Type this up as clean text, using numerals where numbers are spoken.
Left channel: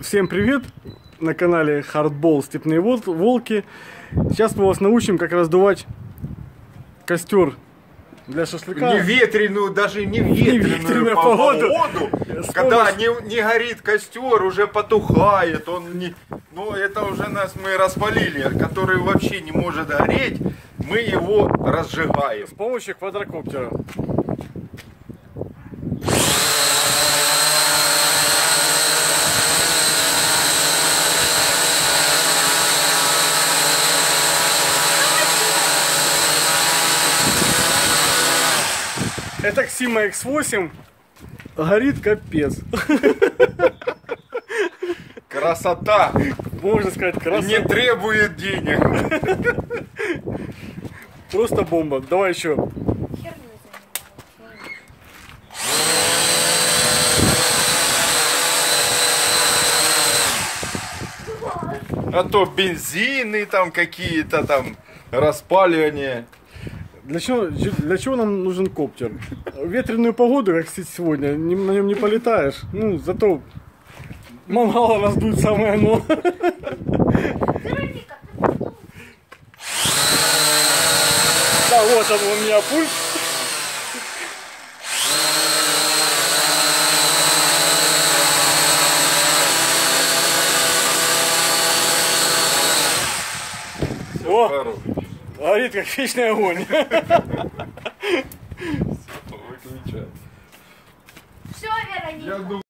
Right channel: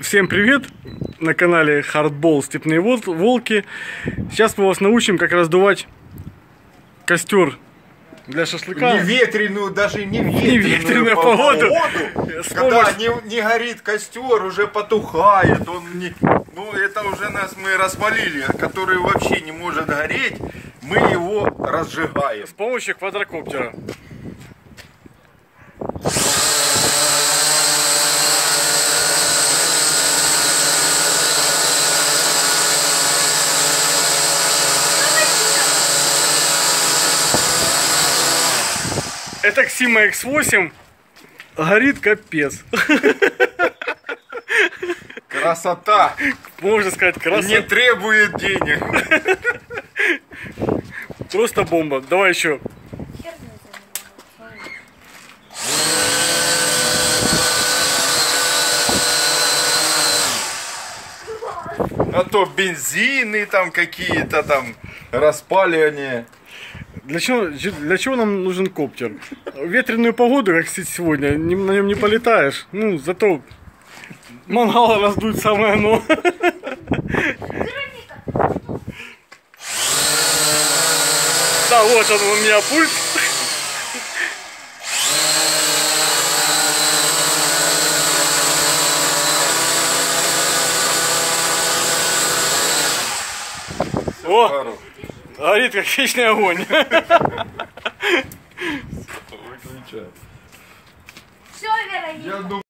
Всем привет! На канале Hardball Степные Волки. Сейчас мы вас научим, как раздувать костер для шашлыка. Не ветреную, даже не ветреную погоду. Когда не горит костер, уже потухает. Он не... Ну, это уже мы распалили, который вообще не может гореть. Мы его разжигаем. С помощью квадрокоптера. Это Ксима X8 горит капец. Красота! Можно сказать, красота. Не требует денег. Просто бомба. Давай еще. А то бензины там какие-то там, распаливание. Для чего нам нужен коптер? В ветреную погоду, как сегодня, на нем не полетаешь. Ну, зато мангал раздуть самое оно. Да, вот он у меня пульт. О! Горит как вечный огонь. Все, Вера,